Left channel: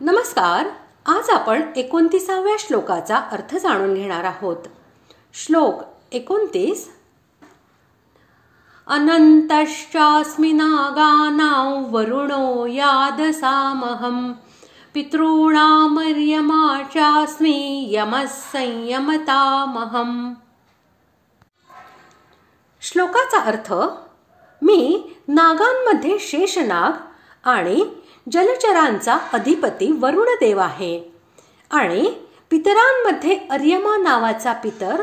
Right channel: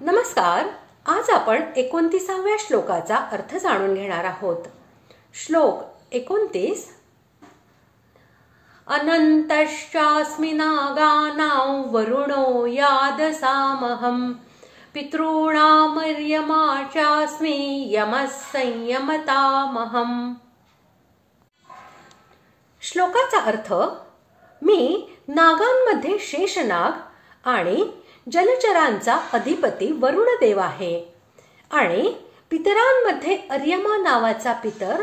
नमस्कार. आज आपण 29व्या श्लोकाचा अर्थ जाणून घेणार आहोत. श्लोक 29. अनंतश्चास्मि नागानां वरुणो यादसामहं पितॄणामर्यमा चास्मि यमः संयमतामहम्. श्लोकाचा अर्थ: मी नागांमध्ये शेषनाग आणि जलचरांचा अधिपती वरुणदेव आहे आणि पितरांमध्ये अर्यमा नावाचा पितर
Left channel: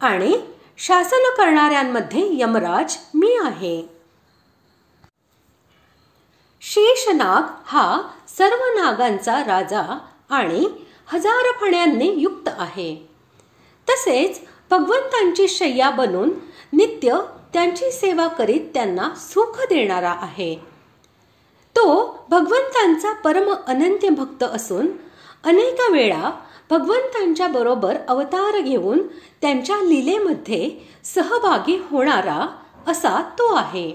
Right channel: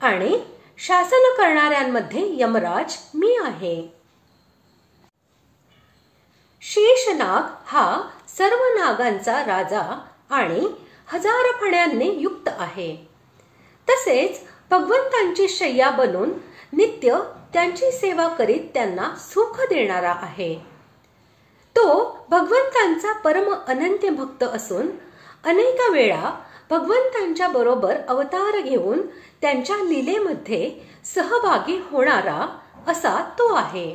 आणि शासन करणाऱ्यांमध्ये यमराज मी आहे. शेषनाग हा सर्व नागांचा राजा आणि 1000 फण्यांनी युक्त आहे. तसेच भगवंतांची शय्या बनून नित्य त्यांची सेवा करीत त्यांना सुख देणारा आहे. तो भगवंतांचा परम अनंत भक्त असून अनेक वेळा भगवंतांच्या बरोबर अवतार घेऊन त्यांच्या लीलेमध्ये सहभागी होणारा असा तो आहे.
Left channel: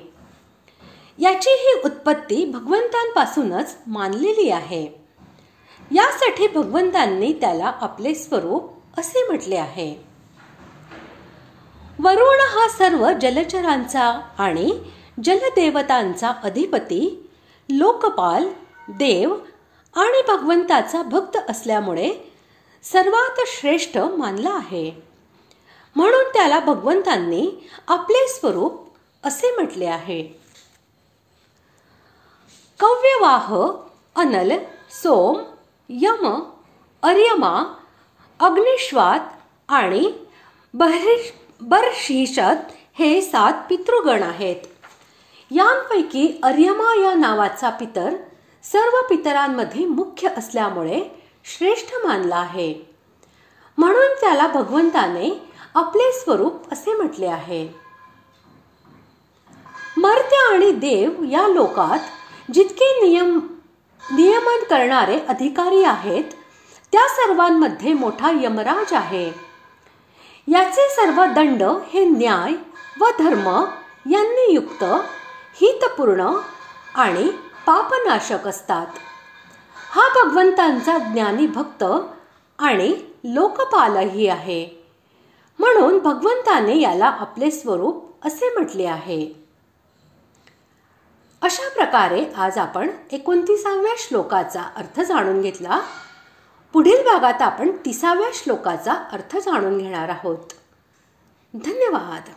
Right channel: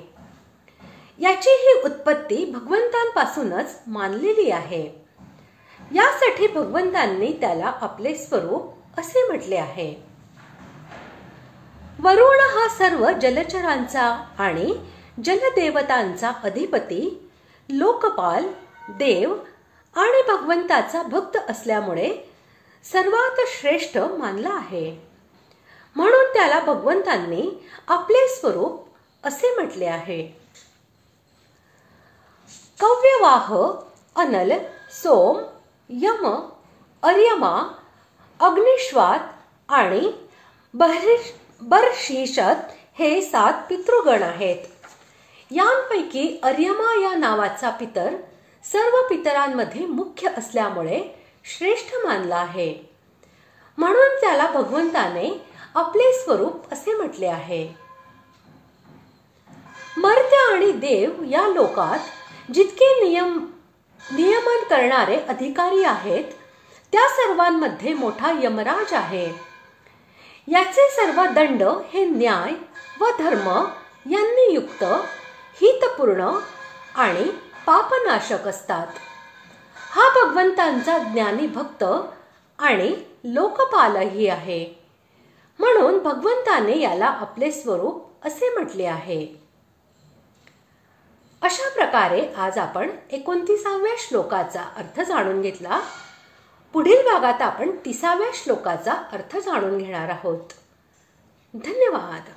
याची ही उत्पत्ती भगवंतांपासूनच मानलेली आहे. यासाठी भगवंतांनी त्याला आपले स्वरूप असे म्हटले आहे. वरुण हा सर्व जलचरांचा आणि जलदेवतांचा अधिपती, लोकपाल, देव आणि भगवंताचा भक्त असल्यामुळे सर्वात श्रेष्ठ मानला आहे. म्हणून त्याला भगवंतांनी आपले स्वरूप असे म्हटले आहे. कव्यवाह, अनल, सोम, यम, अर्यमा, अग्निश्वात आणि बर्हिषत हे 7 पितृगण आहेत. यांपैकी अर्यमा या नावाचा पितर सर्व पितरांमध्ये मुख्य असल्यामुळे श्रेष्ठ मानला आहे. म्हणून त्याला भगवंताने आपले स्वरूप असे म्हटले आहे. मर्त्य आणि देव या लोकात जितके नियमन करणारे अधिकारी आहेत त्या सर्वांमध्ये मोठा यमराज आहे. याचे सर्व दंड हे न्याय व धर्म यांनी युक्त, हितपूर्ण आणि पापनाशक असतात. हा भगवंतांचा ज्ञानी भक्त आणि लोकपालही आहे. म्हणून भगवंताने याला आपले स्वरूप असे म्हटले आहे. अशा प्रकारे आज आपण 29व्या श्लोकाचा अर्थ जाणून घेतला. पुढील भागात आपण 30व्या श्लोकाचा अर्थ जाणून घेणार आहोत. धन्यवाद.